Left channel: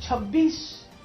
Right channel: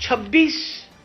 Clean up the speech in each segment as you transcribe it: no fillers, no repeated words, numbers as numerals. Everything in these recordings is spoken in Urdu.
26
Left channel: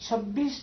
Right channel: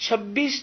26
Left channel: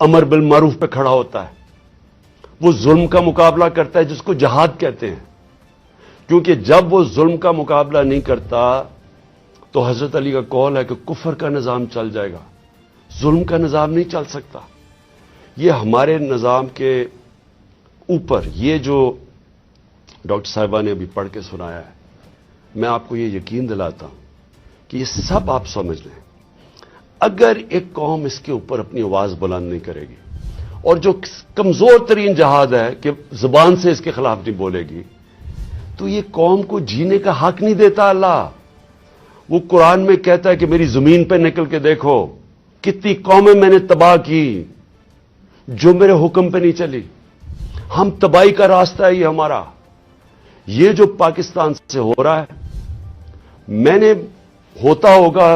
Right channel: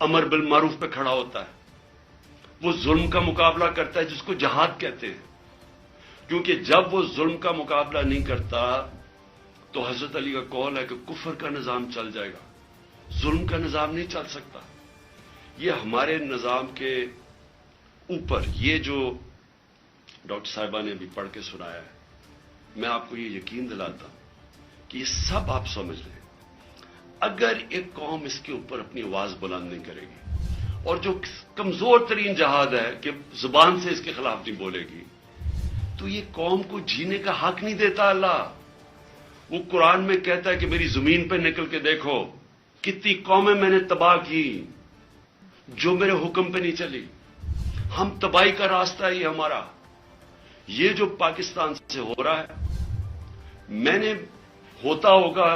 امر بالمعروف پہ کھڑا ہوتا ہے، وہ ظلم کا مقابلہ کرتا ہے جس کو جہاد کہتے ہیں، کیونکہ جب وہ ظلم کا مقابلہ نہیں کرتا تو حضرت علی کا قول ہے کہ کفر کا نظام چل جائے گا، ظلم کا نظام نہیں چل سکتا۔ یہ ہمارے نظام کے اوپر یہ جو ڈاکٹر صاحبہ نے ابھی پڑھ کے سنایا ہے، میں آپ کو یہ یقین دلاتا ہوں کہ یہ سب آپ سمجھ لیں، اگر ایک قوم اس کے اوپر اپنی آواز بلند نہیں کرے گی اور جو کمزور ترین جہاد ہے کہ زبان سے اس کے خلاف نہیں بولے گی، تو یہ قوم کو جینے کا حق نہیں دیتا اللہ۔ وہ قرآن میں کہتا ہے کہ میری زمین پہ نکل کے دیکھو کتنی قومیں میں نے تباہ کی جو میرے حکم پہ نہیں چلی۔ ہم تباہی کا راستہ ہے یہ ہمارا۔ یہ جو پاکستان سے ہو رہا ہے، میں نے ہوتا ہوگا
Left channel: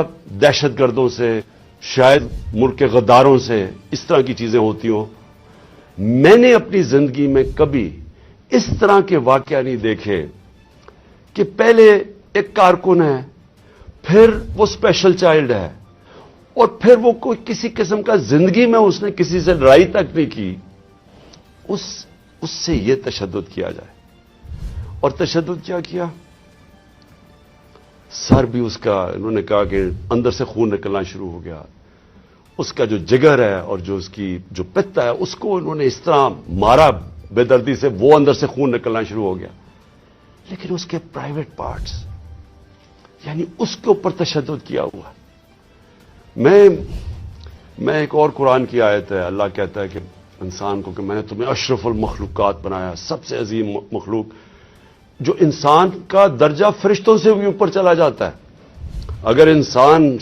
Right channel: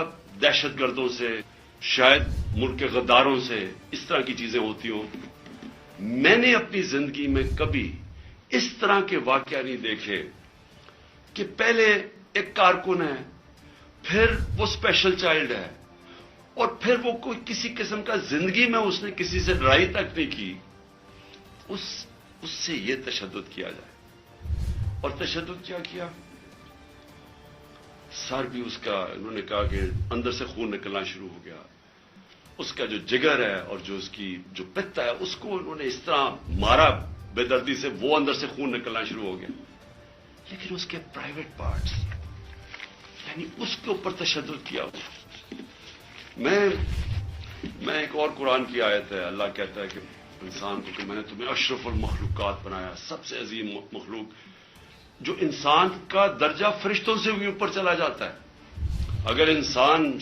دہشت گردوں سے، شاید ملک کے غداروں سے، اس طرح کی چیزیں ہوتی ہوں، میں نے اپنی زندگی میں کبھی اس طرح کے واقعہ نہیں دیکھے کہ پہلے ایک کارکن ہے، پھر وہ اسپیشل چائلڈ ہے، اور پھر وہ کوئی کسی قسم کا زندگی میں اس نے کسی سے لڑائی تک نہیں کی، اس سے یہ تشدد کیا جائے۔ اور تشدد کیا کیا؟ سر بھی اس کا، انہوں نے کہا کہ اندر سے خون نکلنا شروع ہو گیا، اس کا جو جگر ہے اور جو اس کی جو پتا ہے اس کو انہوں نے اس طرح مارا بے دردی سے، وہ اندر سے خون نکلنا شروع ہو گیا۔ لیکن اس کے پرائیویٹ پارٹس، یعنی اس کے اوپر تشدد کیا ہوا۔ میں ایک اور قرآن کی آیت ہے، اللہ کہتا ہے کہ انسان کو کہ میں نے تمہیں اشرف المخلوقات بنایا، سب سے عظیم مخلوق، جو انسان کا درجہ فرشتوں سے بھی اوپر چلا جاتا ہے۔ اگر انسان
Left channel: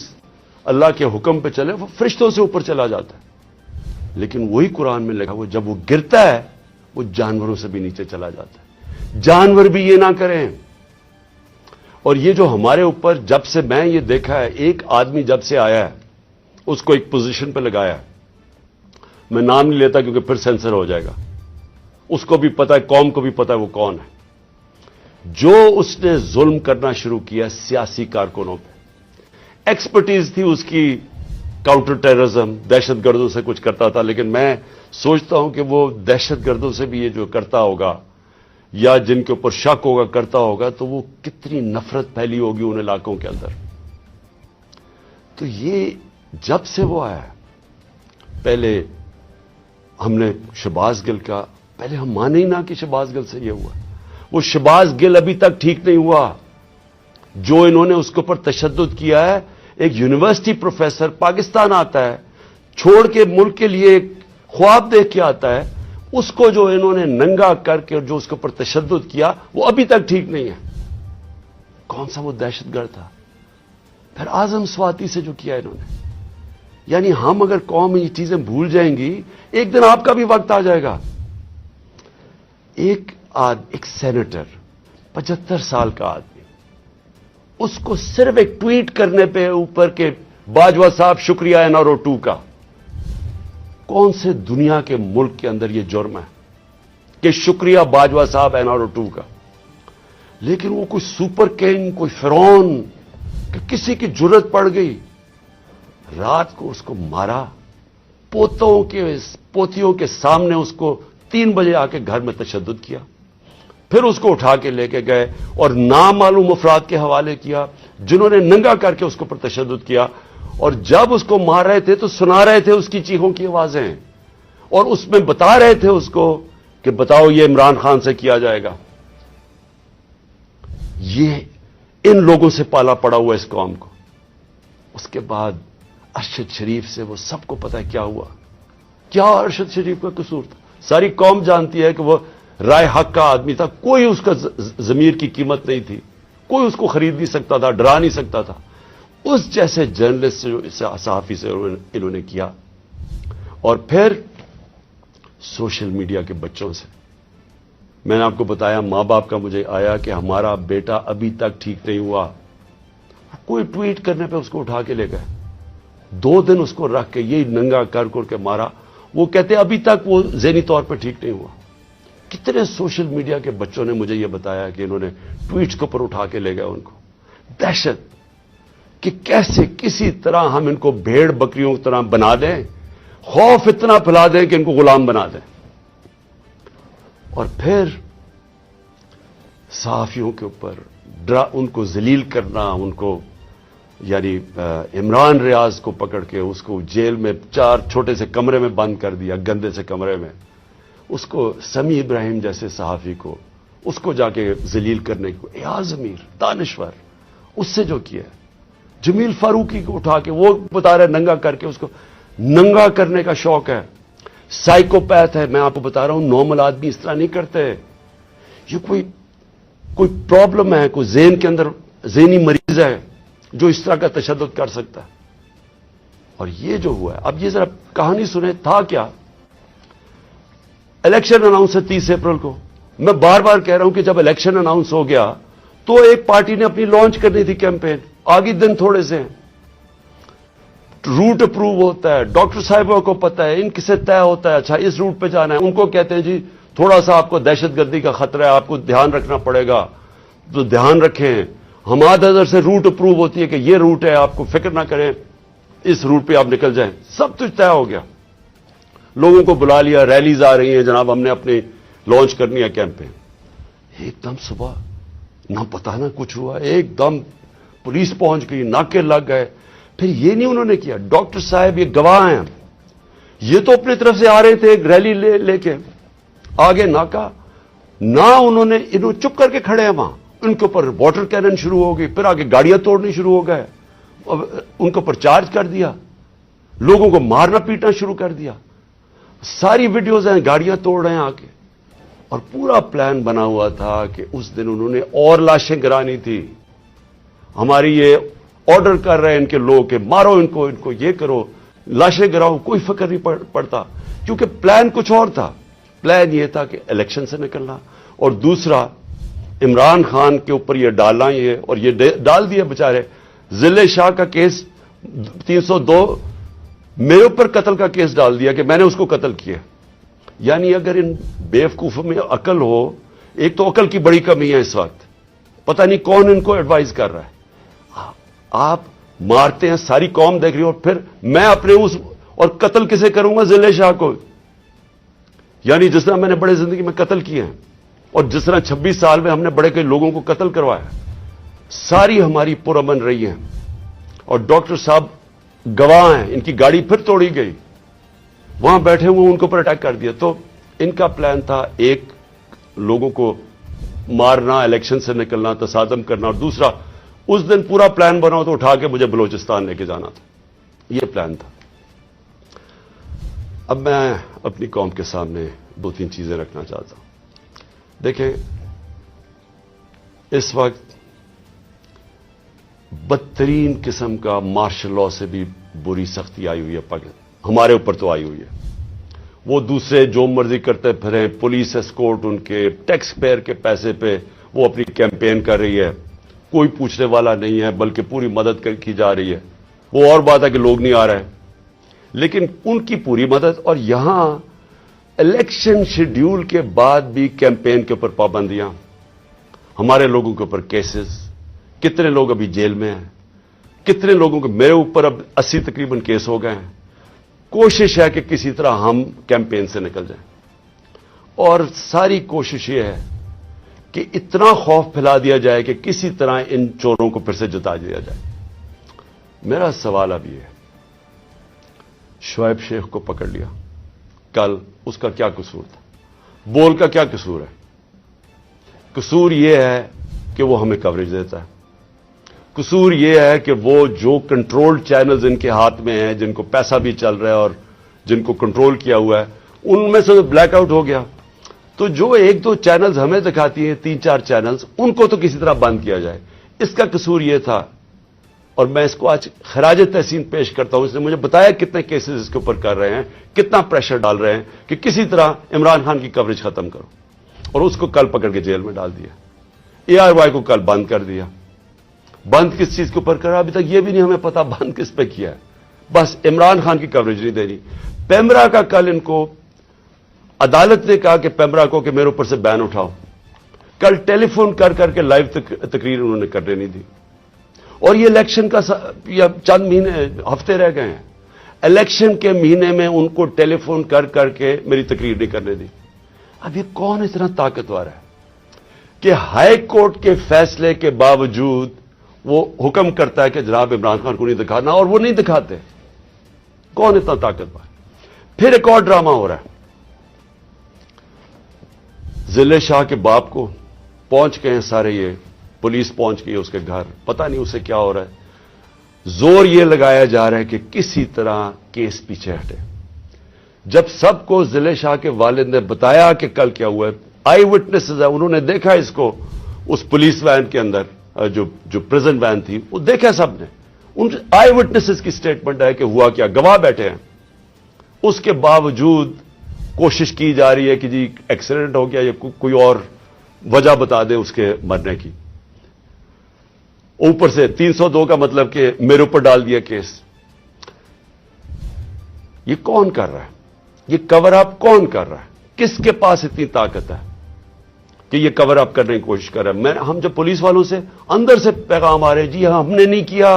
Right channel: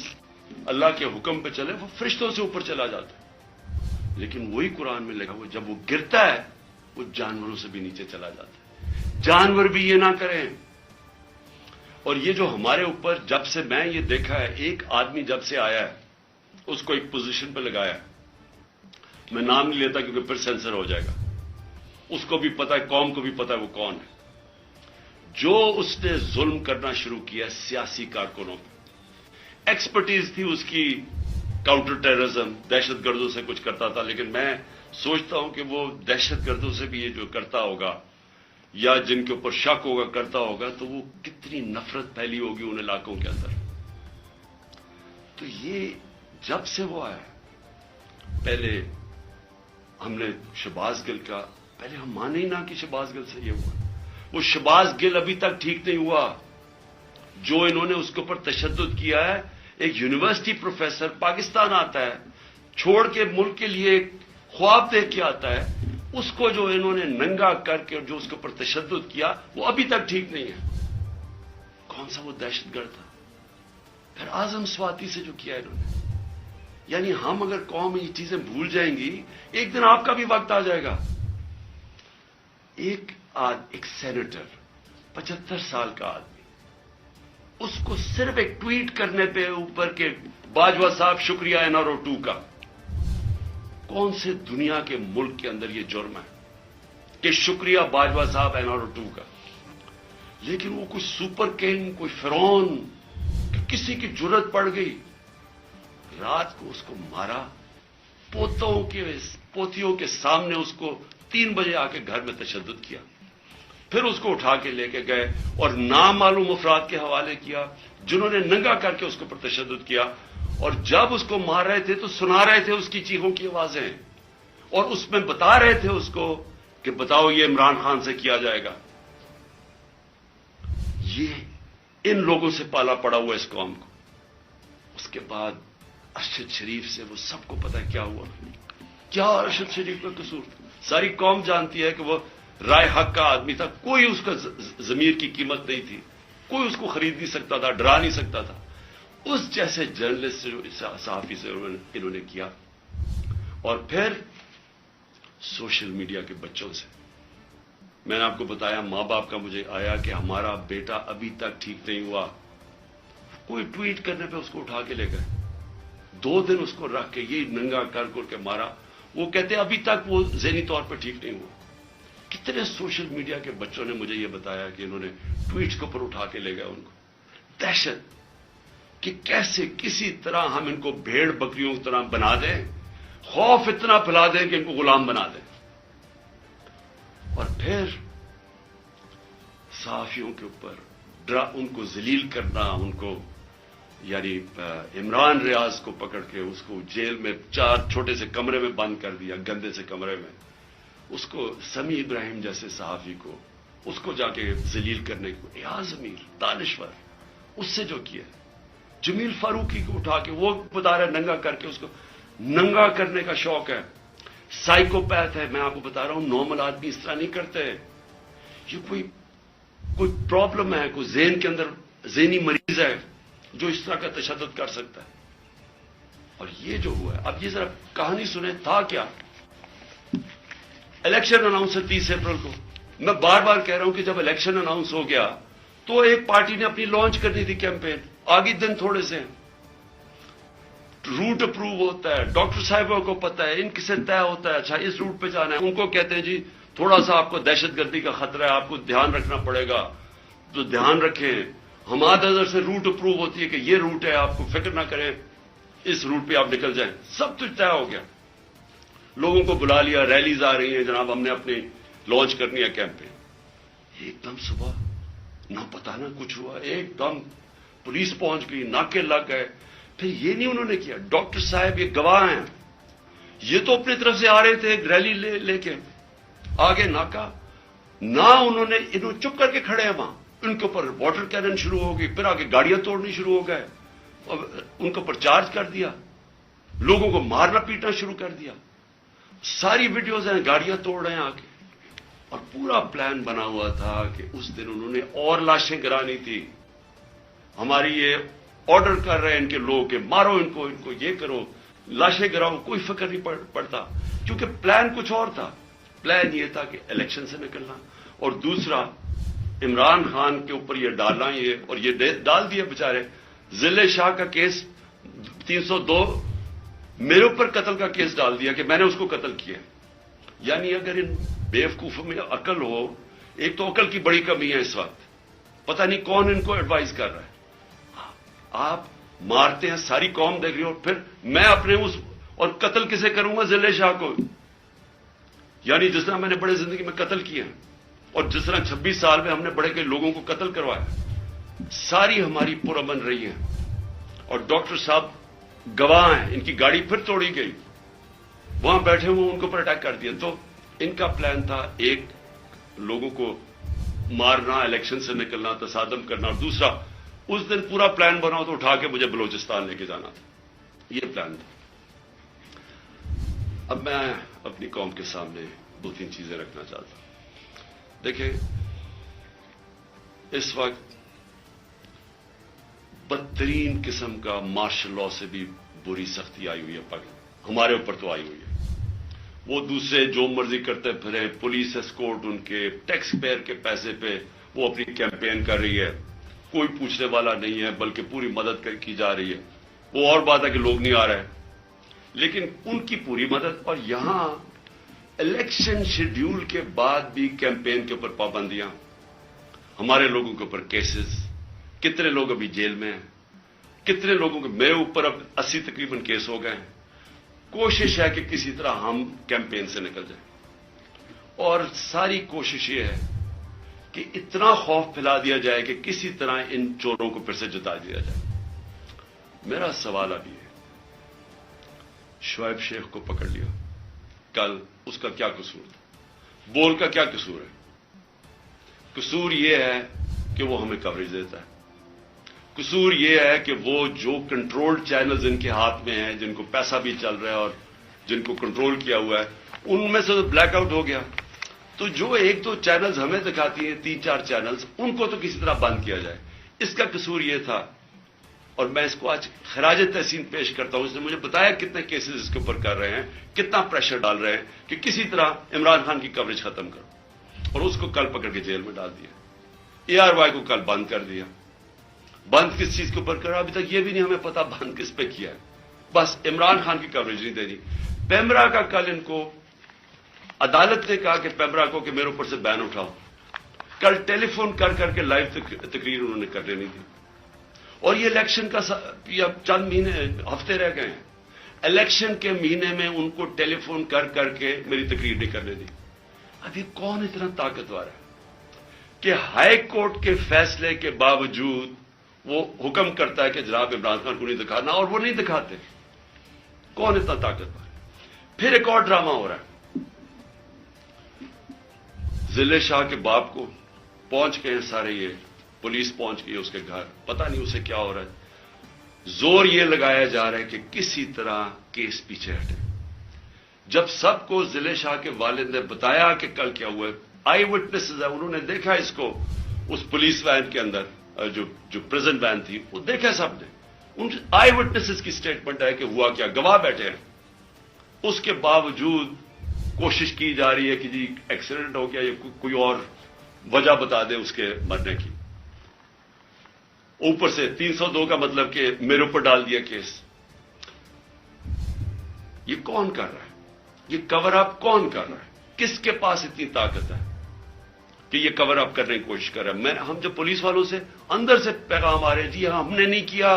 اللہ کے حکم پہ چلے وہ فرشتوں سے اوپر چلا جاتا ہے، لیکن وہی قرآن میں لکھا وہ جب وہ گرتا ہے وہ جانوروں سے بھی نیچے چلا جاتا ہے۔ جانور بھی یہ نہ کریں۔ اور یہ جو ہمارے اوپر جب سے میں یہ دیکھا ہے، ایک آدمی جب سے آیا ہے اس کو ایک پوزیشن پہ لگایا ہے، میں نام نہیں لیتا کیونکہ پھر سینسر ہو جائے گا، اس کو بھی پتا ہے، قوم کو بھی پتا ہے وہ کون ہے، جو اس نے ظلم کرنا شروع کیا سیاسی کارکنوں پہ۔ ایکسپرٹیز تھی اس کی کاؤنٹر ٹیررزم، دہشت گردوں سے کچھ کرتا تھا، لیکن میں سوچتا ہوں کہ وہ دہشت گردوں سے بھی یہ جو کرتا ہوگا یا جن کے اوپر شک ہوگا کرتا ہوگا، تو وہ کتنی نفرت پھیلی ہوگی ان علاقوں کے اندر۔ تو یہ جب سے وہ آیا، پہلے ہم نے شہباز گل کا، پہلے ہم مانے ہی نہ کہ شہباز گل سے یہ ہوا، وہ شہباز گل ابھی تک ٹھیک نہیں ہوا، جو انہوں نے اس کے اوپر تشدد کیا ہے۔ ایک یونیورسٹی پروفیسر پاکستان آتا ہے، چھوڑ کے ملک کے لیے ایک خواب دیکھ کے آتا ہے، اس کو جو انہوں نے ننگا کر کے جو اس کے اوپر تشدد کیا وہ ابھی تک ٹھیک نہیں ہے۔ کون سا وہ دہشت گرد تھا؟ پھر اعظم سواتی سے جو کیا انہوں نے، یعنی ہم اگر قوم یہ چیزیں بھول جائیں گی، ایک دن آپ کا بھی وقت آ جائے گا۔ ایک سینیٹر 75 سال کا آدمی، اس کو صرف ایک ٹویٹ کرنے پہ اوپر کے باجوہ صاحب شکریہ این آر او 2 کا، کون سے دنیا کے ملک کے اندر یہ جرم ہے کہ شکریہ باجوہ صاحب این آر او 2 کا؟ لیکن وہ کوئی سپر کنگ، کوئی فرعون کہ کسی کی جرت پڑ گئی، رات کو اس کو مارا، پوتیوں کے سامنے اس کو 3 بجے آ کے گھر میں تشدد کیا، پھر اس کو اٹھا کے لے کے گئے اور نامعلوم افراد کے حوالے کیا جنہوں نے ننگا کر کے اس کے اوپر تشدد کیا، اور جب اس کو مار رہے تھے تو سنا رہے تھے اس کی چیخوں کی آوازیں، اور اس میں بتا رہے تھے اس کو کہ بتاؤ یہ عمران خان سے کیا جائے گا۔ یہ ان لوگوں سے پالا پڑا ہوا اس قوم کو۔ اس کے بعد ارشد شریف سے وہ سب کو پتا ہے کیا ہوا، کیا ارشد شریف کا قصور تھا۔ ساری قوم جانتی ہے کہ وہ رائے حق کا آدمی تھا، کوئی اس کا ضمیر کی قیمت نہیں تھی، کوئی اس کو خرید نہیں سکتا تھا، ڈرا نہیں سکتا تھا۔ اس جیسے جرنلسٹ سے، صحافی سے انہوں نے کیا، اور پھر سوشل میڈیا کے بچوں سے۔ میں نے آپ کو بتایا ماں باپ کا مجھے آیا کہ ہمارا بیٹا ابھی تک ٹھیک نہیں ہوا، کوئی ٹویٹ کرنے پہ اس کو اٹھا کے لے گئے، 2 دن اس کو رکھ کے یہ ننگا کر کے مارا، وہ کہتے ابھی تک وہ ذہنی طور پر ٹھیک نہیں ہوا۔ کتنے سوشل میڈیا کے بچوں نے مجھے یہ بتایا کہ انہوں نے ٹویٹس کے اوپر اٹھا کے لے گئے ان کو۔ دہشت کہ کیسے کسی طرح ہم ان کو بھیڑ بکریوں کی طرح بنا دیں خوف اتنا پھیلا دیں کہ ان کو غلام بنا دیں، اور پھر صحافیوں کے اوپر ان کو ذلیل کرنا، ان کو یعنی عمران ریاض کو پکڑ کے اس کو جیل میں 4 چھوٹے سے کمرے میں بند کر دیا، گندے سے کمرے میں، اس کو سمیع ابراہیم جیسے صحافی کو اس کو جا کے ذلیل کرنے کو، ایاز امیر دانشور اس سے جو کیا ہے، جمیل فاروقی کو اٹھا کے وہ بتا رہے ننگا کر کے، اس کو ننگا کرنے کا شوق ہے، سائیکوپیتھ ہے، میں آپ کو بتا رہا ہوں نارمل آدمی اس طرح نہیں کرتے، یہ کوئی پرابلم ہے، کوئی ذہن کے اندر ذہنی مریض ہے جو اس طرح کا تشدد کر سکتا۔ اور یہ جو ہوا ہے، اب یہ ذرا کہانی سنیں، تھا کیا؟ الیکشن اناؤنس ہے 30 اپریل کو، میں بار بار کہہ رہا ہوں کہ جب الیکشن اناؤنس ہو گیا تو ایک پارٹی نے اپنی لانچ کرنی تھی کیمپین، آگے دن تھوڑے سے ہیں، روٹ اپروو ہوتا ہے، ڈاکٹر صاحبوں کو پتا ہے، ان کسے طے ہوتا ہے، اچھا اس روٹ پہ جانا ہے، ان کو کہتے ہیں جی تھوڑا سا آپ کو دہشت گردی کا خطرہ ہے، آپ کو دھیان رکھنا پڑے گا، تو دھیان رکھیں، حماد اظہر سے روٹ اپروو ہوتی ہے کہ یہ روٹ ہے، آپ کو فکر نہ کریں، اس روٹ پہ آپ نکل جائیں، سب کچھ طے ہو گیا، لوگوں کو بلا لیا، ریلیز آ رہی ہیں، جناب ہم نے اپنی لانچ کرنی ہے کیمپین، ایک دم صبح نہ پتا نہ کچھ ہوا، ایک دم پولیس پہنچ گئی، ناکے لگ گئے، پھر یہ نہیں انہوں نے کیا، ڈاکٹر صاحب یہ گواہ ہیں، یہ تو اپنی طرف سے آ رہے تھے ریلی لے کے، آگے ناکا، نہ انہوں نے چپ کر کے کھڑے ہیں وہاں، ان کے اوپر واٹر کینن شروع ہو گئی، پھر آگے گاڑیاں توڑنی شروع ہو گئے، ان کے اوپر چارج کر دیا، لوگوں کو مارنا پیٹنا شروع کر دیا، ساری ویڈیوز ہیں، گاڑیاں توڑ رہے ہیں آ کے، اور پورا پلان بنا ہوا تھا کہ اس دن انہوں نے اور لاشیں گرانی تھی، ہماری یہ آرڈر کر رہے ہیں ان کے لوگ کہ مارو ان کو یہ کرو، لاشیں گراؤ، کوئی فکر نہیں پڑتا، کیونکہ پلان کچھ اور تھا، پلان یہ تھا کہ الیکشن سے نکلنا، اور دوسرا عمران خان کے اوپر یہ ڈالنا، یہ اور یہ ڈال دیا بیچارے، ضلع شاہ کا کیس 302 میرے اوپر قتل کا کیس ڈال دیا کہ میں نے اس کو قتل کیا، یعنی اگر ان بیوقوفوں میں عقل ہو، ایک تو عقل کی بڑی کمی ہے اس وقت، پتہ نہیں کون ان کو ایڈوائز کر رہا ہے، آپ مارتے ہیں، ساری قوم دیکھ رہی ہو، پھر میں اپنے اور قتل کسے کروں گا؟ ضلع شاہ کو، یعنی جس طرح میں نے بڑے زندگی میں قتل کیے ہیں، اور جس طرح 26 سال میں ہم نے بڑے کئی لوگوں کو قتل کروایا، ساری ہماری پرامن رہی ہیں، اور ڈاکٹر صاحب گواہ ہیں، ان کی گاڑی پھر توڑی گئی، وہاں بیٹھے ہوئے ان کے اوپر اٹیک کر دیا، تو ان کا پلان تھا ایک لوگوں کو مارنا، الیکشن سے نکلنا، تصادم کرنا، اور دوسرا اس دن پورا پلان بنا تو اٹھا کے مجھے بلوچستان لے کے جانا تھا، یہ پلان تھا۔ اب میں اپنی قوم کے سامنے 2-3 چیزیں رکھنا چاہتا ہوں۔ دیکھیں، اس وقت بدترین قسم کا مارشل لا سے بھی بری سختی آئی ہوئی ہے، ہمارے اوپر تو آئی ہوئی ہے، وہ دوسرے جو مرضی کرتے پھریں، پولیس اسکورٹ ان کے ٹیکس پیئر کے پیسے پہ وہ اپنی کیمپین کر رہی ہے، کوئی پوچھنے والا نہیں ہے، بلکہ پوری مدد کی جا رہی ہے، وہ اور بات ہے کہ لوگ نہیں آ رہے، لیکن ان کی پوری مدد، اور یہاں الیکشن شیڈیول کے بعد بھی کیمپین کے اوپر پابندیاں، ہمارے لوگوں کے اوپر کیسز، کتنے لوگ ابھی جیل میں ہیں، کتنے لوگوں کے، میرے اوپر اب 80 تقریباً کیس ہو گئے ہیں، کوشش ہے کہ کسی طرح ہم کیمپین سے نکل جائیں، اور ساری کوشش یہ ہے کہ اتنا خوف پھیلا دیا جائے کہ کسی طرح ان چوروں کو پھر سے جتا دیا جائے۔ میرا سوال اب یہ ہے، شعیب شیخ کو پکڑ لیا کل، اس کا کیا قصور تھا؟ بول کا کیا قصور ہے؟ قصور یہ ہے کہ وہ ہمیں کوریج دیتا ہے، قصور یہ ہے کہ وہ جو کنٹرول چینلز ان کے ہاتھ میں ہیں، جن کو پیسہ بھی چل رہا ہے اور جن کو کنٹرول کیا ہوا ہے، ان میں سے بلیک آؤٹ ہو گیا، تو جو 1-2 چینلز ہمیں دکھاتی ہیں، 3-4 چینلز، ان کو تو کسی طرح بند کیا جائے، اس کا قصور یہ تھا، اور میں اس کو آج خراج تحسین پیش کرتا ہوں، اس نے مجھے بتایا کتنے کیسز اس کے اوپر کر رہے ہیں، کتنا پریشر ڈال رہے ہیں کہ کسی طرح عمران خان کی کوریج ختم کرو، اور اس کو کل پکڑ کے جیل میں ڈال دیا، ARY کو کل بند کر دیا، بند کس چیز کے اوپر کرا ابھی تک یہ بھی نہیں ہمیں پتا بند کس پہ کیا ہے، بس عمران خان کی کوریج نہیں دے رہی۔ پیمرا کا کل ان کو عدالت نے کہا کہ پیمرا کو کہ میرے اوپر سے بین اٹھاؤ، کل ٹیلی فون کر کے لائیو تقریر انہوں نے کرنے نہیں دی، اور یہ الیکشن کا چند مہینے ہفتے رہ گئے ہیں، الیکشن کے مہینے میں ان کو ٹیلی فون کر کر کے میری تقریر نہیں کرنے دی. اب یہ کون اتنا طاقتور ہے کہ ہائی کورٹ کے فیصلے کے باوجود وہ حکم کرتا ہے کہ جناب عمران خان کو نہیں دکھانا، اور وہ نہیں دکھاتے؟ کون اتنا طاقتور؟ پھر ایک اور ڈرامہ ہو رہا ہے. ضلع شاہ کے باپ کو پہنچ گئے سارے، یہ پولیس پہنچ گئی اس کے گھر، پتہ نہیں اسے کیا ہو رہا ہے. زور یہ لگایا جا رہا ہے کہ کسی طرح کیس پیچھے ہٹے. جب سب کو ضلع شاہ کے والد نے بتایا کہ کل کیا ہوا ہے، آئی وٹنسز ہے، انہوں نے دیکھا اس کو اس پولیس وین کے اندر، جو پریزنٹ وین تھی، وہ دیکھا سب نے. ان آئی وٹنسز کی سٹیٹمنٹ ہے کہ ہوا کیا، گواہ بیٹھے ہیں. اس کے باوجود کوشش کی جا رہی ہے کہ جی ایکسیڈنٹ ہو گیا یا کوئی اور وجہ بتا دے اس کے مرنے کی. اوپر سے 302 کا مطلب کہ میرے اوپر ڈال دیا کیس. یہ کون کر رہا ہے؟ یہ کور اپ کون کر رہا ہے؟ کس کے پاس اتنی طاقت ہے کہ یہ کور اپ کرنے کی کوشش کر رہا ہے؟ ہم جب پولیس والوں سے اندر سے پیغام آ رہے، جی ہاں ہم نے نہیں کیا،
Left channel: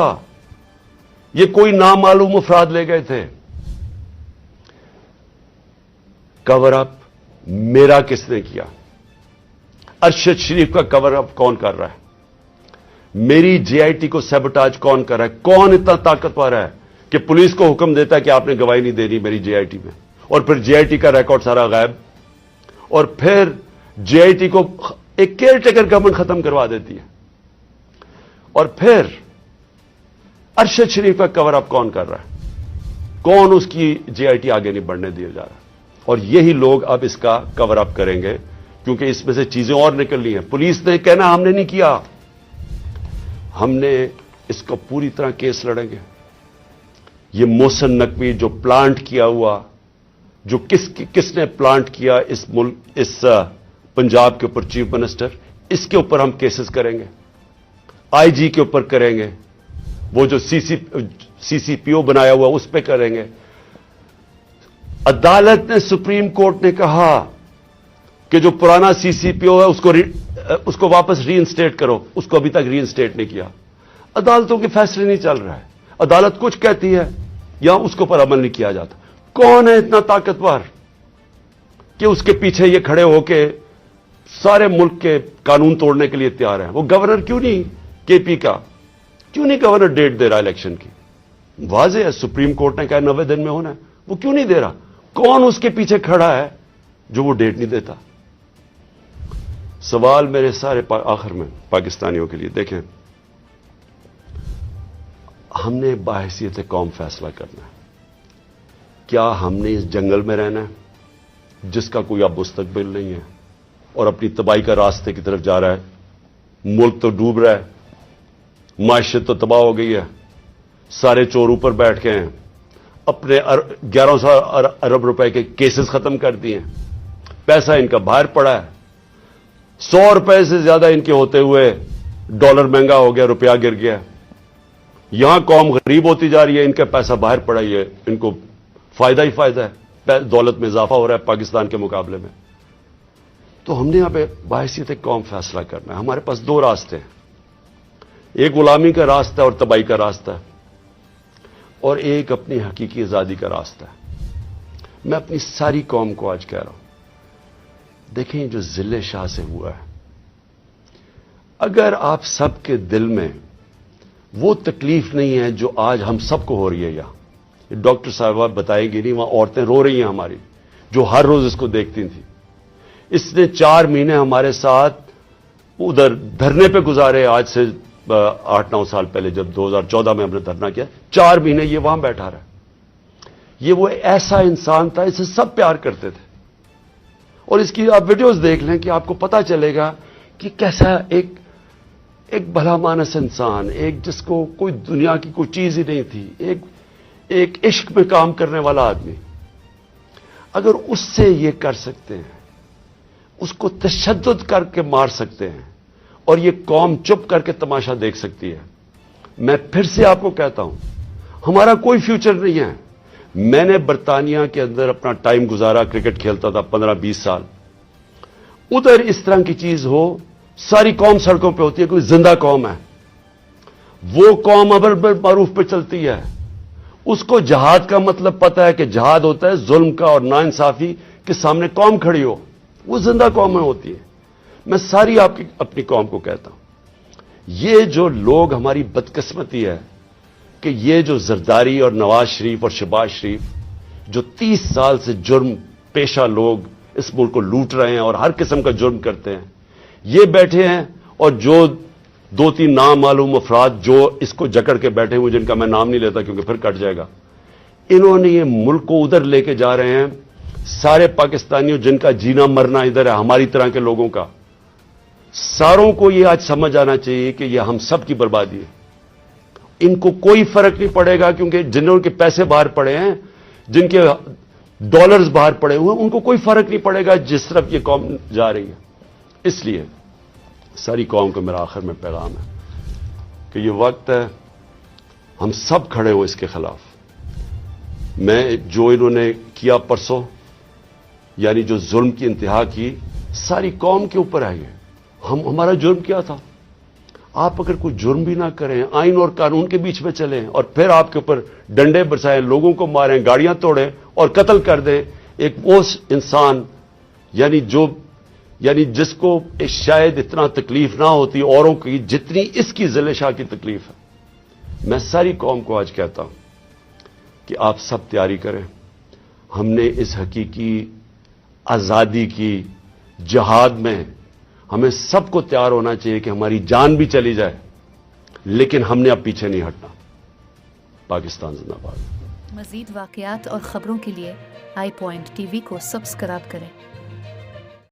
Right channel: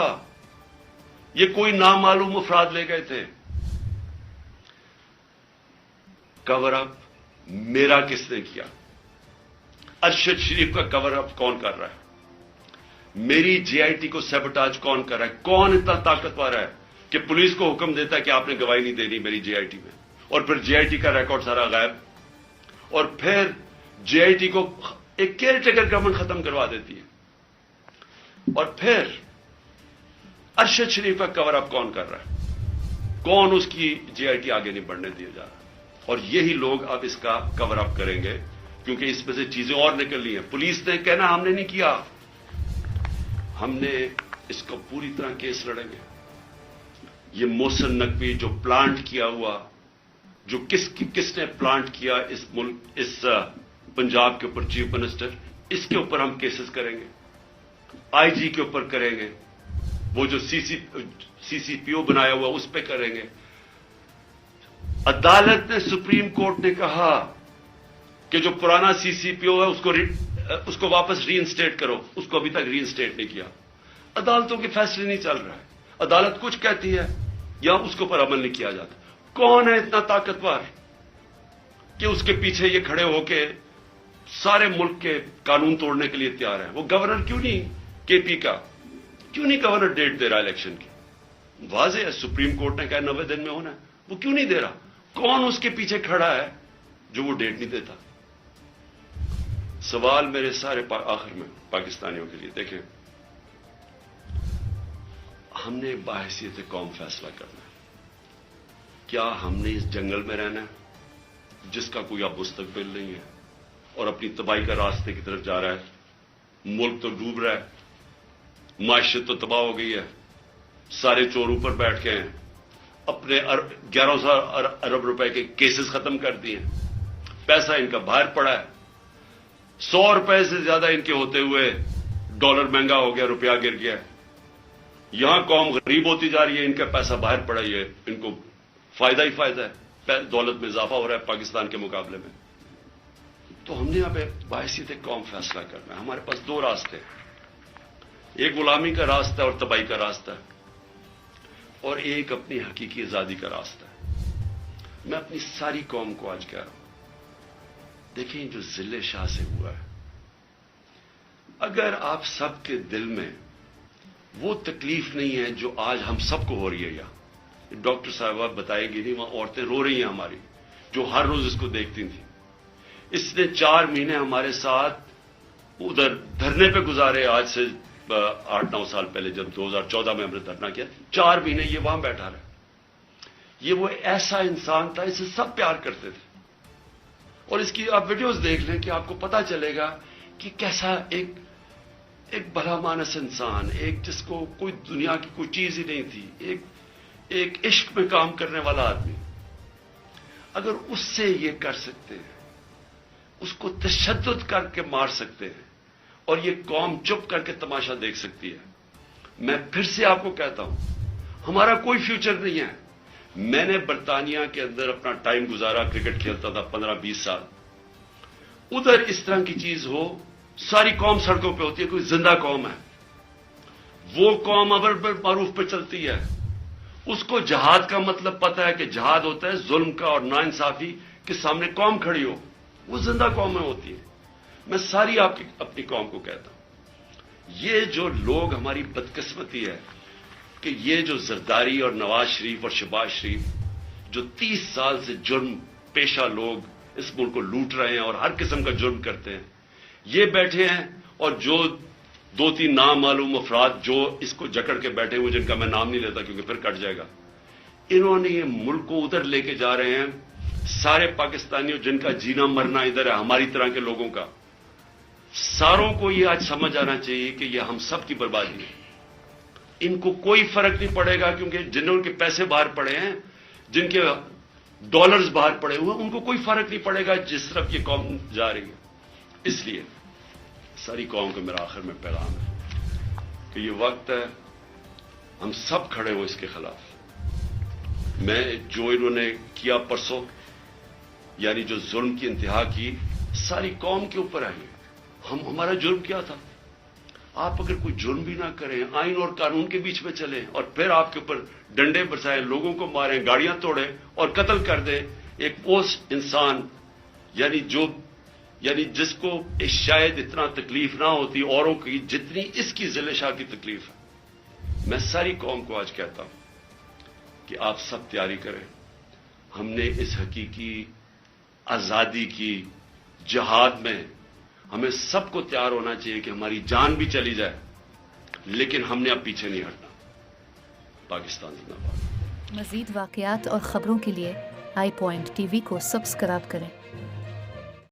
یہ کوئی نامعلوم افراد لے گئے تھے. کور اپ میرا کس نے کیا؟ ارشد شریف کا کور اپ کون کر رہا ہے؟ میری جے آئی ٹی کو سیبوٹاج کون کر رہا ہے؟ کون اتنا طاقتور ہے کہ پولیس کو حکم دیتا ہے کہ آپ نے گواہی نہیں دینی میری جے آئی ٹی میں، اور پھر جے آئی ٹی کا ریکارڈ سارا غائب، اور پھر جے آئی ٹی کو ایک کیئر ٹیکر گورنمنٹ ختم کروا دیتی ہے. اور پھر ارشد شریف کا کور اپ کون کر رہا ہے؟ کون اس کی جے آئی ٹی آگے نہیں بڑھنے دیا جا رہا؟ اور یہی لوگ اب اس کا کور اپ کریں گے، کیونکہ اس میں سے چیزیں اور نکلنی ہیں. پولیس نے کہنا ہم نے نہیں کیا، ہم نے اس کو پوری طرح کیس لڑیں گے. یہ محسن نقوی جو پلانٹ کیا ہوا، جو کس نے پلانٹ کیا اس پنجاب کے اوپر چیف منسٹر، اس کے اوپر ہم کیسز کریں گے. آئی جی کے اوپر کریں گے، وہ جو سی سی پی او بنایا ہوا اس پہ کریں گے. عدالت نے، سپریم کورٹ نے کہا کہ جو پرانا سی سی پی او ہے اس کو واپس ری انسٹیٹ کرو، اس کو ابھی تک ری انسٹیٹ نہیں کیا. عدالتوں کے فیصلے نہیں چل رہا ہے، عدالت کچھ کہتی ہے یا اس کے اوپر عمل نہیں کیا جاتا. کون ہے اتنا طاقتور کہ اس کے پیچھے یہ کھڑے ہو کے سارے ملک کے قانون توڑنے کے لیے تیار ہیں؟ وہ گورنر کیوں نہیں، کے پی کا کیوں نہیں گورنر ڈیٹ دے رہا الیکشن کی؟ واضح ہے سپریم کورٹ نے کہا 90 دن میں ہونا ہے، وہ کیوں نہیں دے رہا؟ کون اس کے پیچھے کھڑا ہے جو وہ ڈیٹ نہیں دیتا؟ سوال میرے سارے آخر میں پاکستانیوں کے لیے، دیکھیں ہم نے بحیثیت قوم فیصلہ کرنا ہے. کیا ہم نے اس جنگل میں رہنا ہے جس کا کوئی اب مستقبل نہیں ہے اور اپنی تباہی کا راستے کی طرف جا رہا ہے؟ ملک تو ڈوب رہا ہے، معیشت تو تباہ ہو گئی ہے، سارے چور اوپر بیٹھ گئے ہیں، اپنے 1100 ارب روپے کے کیسز ختم کر دیے، پیسہ ان کا باہر پڑا ہے. 100 روپے سے زیادہ ان کے ہوتے ہوئے ڈالر مہنگا ہو گیا، روپیہ گر گیا. یہاں قوم غریب ہوتی جا رہی ہے، ان کا پیسہ باہر پڑا ہے، ان کو فائدہ ہی فائدہ ہے، دولت میں اضافہ ہو رہا ہے پاکستان کے مقابلے میں. تو ہم نے یہاں پہ بحیثیت قوم فیصلہ کرنا ہے. ہمارے پاس 2 راستے ہیں، ایک غلامی کا راستہ اور تباہی کا راستہ، اور ایک اپنی حقیقی آزادی کا راستہ. میں اپنی ساری قوم کو آج کہہ رہا ہوں، دیکھیں جو ضلع شاہ سے ہوا ہے، اگر آپ سب کے دل میں وہ تکلیف نہیں ہے جو آج ہم سب کو ہو رہی ہے، ڈاکٹر صاحبہ بتائیں گی نہیں، وہاں عورتیں رو رہی ہیں ہماری جو ہر روز اس کو دیکھتی تھیں. اس نے 4 مہینے ہمارے ساتھ ادھر دھرنے پہ گزارے، آج سے 8-9 سال پہلے جب 2014 میں ہم نے دھرنا کیا، 4 مہینے یہ وہاں بیٹھا رہا. یہ وہ ایسا انسان تھا، اسے سب پیار کرتے تھے. اور اس کی آپ ویڈیوز دیکھ لیں کہ آپ کو پتا چلے گا کہ کیسا ایک بھلا مانس انسان، ایک جس کو کوئی دنیا کی کوئی چیز ہی نہیں تھی، ایک عشق میں کام کرنے والا آدمی. اگر اس سے یہ کر سکتے ہیں، اس کو تشدد کر کے مار سکتے ہیں، اور یہ قوم چپ کر کے تماشا دیکھ سکتی ہے، میں پھر سے آپ کو کہتا ہوں ہمارا کوئی فیوچر نہیں ہے. میں نے برطانیہ کے اندر اپنا ٹائم گزارا، کرکٹ کھیلتا تھا 15-20 سال. ادھر اس طرح کی چیز ہو، ساری قوم سڑکوں پہ ہوتی ہے، کوئی زندہ قوم ہے، وہ قوم امر بالمعروف پہ چلتی ہے، اس کو جہاد کا مطلب پتا ہے کہ جہاد ہوتا ہے ظلم کا اور ناانصافی کے سامنے قوم کھڑی ہو. وہ زندہ قومیں ہوتی ہیں. میں ساری آپ کی اپنی قوم کو کہتا ہوں, یہ جو لوگ ہماری بدقسمتی ہے کہ یہ جو زرداری اور نواز شریف اور شہباز شریف جو 30 سال سے جرم پیشہ لوگ اس ملک کو لوٹ رہے ہیں اور ہر قسم کا جرم کرتے ہیں, یہ بیٹھے ہیں, اور جو 2-3 نامعلوم افراد جو اس کو جکڑ کے بیٹھے ہوئے, جن کا میں نام نہیں لیتا کیونکہ پھر کٹ جائے گا, انہوں نے یہ ملک کو ادھر لے کے جا رہے ہیں. سارے پاکستانیوں جن کا جینا مرنا ادھر ہے, ہماری طرح کے لوگوں کا, ساروں کو یہ آج سمجھ آنا چاہیے کہ یہ ہم سب کی بربادی ہے. ان کو کوئی فرق نہیں پڑے گا, کیونکہ جنہوں کے پیسے باہر پڑے ہیں, جن کے ڈالرز باہر پڑے ہوئے ہیں, ان کو کوئی فرق نہیں پڑے گا جس طرف یہ قوم جا رہی ہے. اس لیے ساری قوم کو میرا آخر میں پیغام ہے کہ یہ وقت ہے ہم سب کھڑے ہوں اس کے خلاف. میں جو انہوں نے کیا پرسوں, یعنی جو ظلم کی انتہا کی, ساری قوم کے اوپر ہے. ہمارا جرم کیا تھا؟ آپ اگر کوئی جرم بھی نہ کریں, آئین اور قانون کے بیچ میں چلیں, اور پھر آپ کے اوپر ڈنڈے برسائیں, لوگوں کو ماریں, گاڑیاں توڑیں اور قتل کر دیں ایک وہ انسان, یعنی جس کو شاید اتنا تکلیف نہ ہوتی اوروں کی جتنی اس کی ذل شاہ کی تکلیف ہے. میں ساری قوم کو آج کہتا ہوں کہ آپ سب تیاری کریں. ہم نے اس حقیقی آزادی کی جہاد میں ہمیں سب کو تیار ہونا چاہیے کہ ہماری جان بھی چلی جائے, لیکن ہم نے اب پیچھے نہیں ہٹنا. پاکستان زندہ باد. مزید واقعات اور خبروں کے لیے آئی پوائنٹ ٹی وی کو سبسکرائب کریں.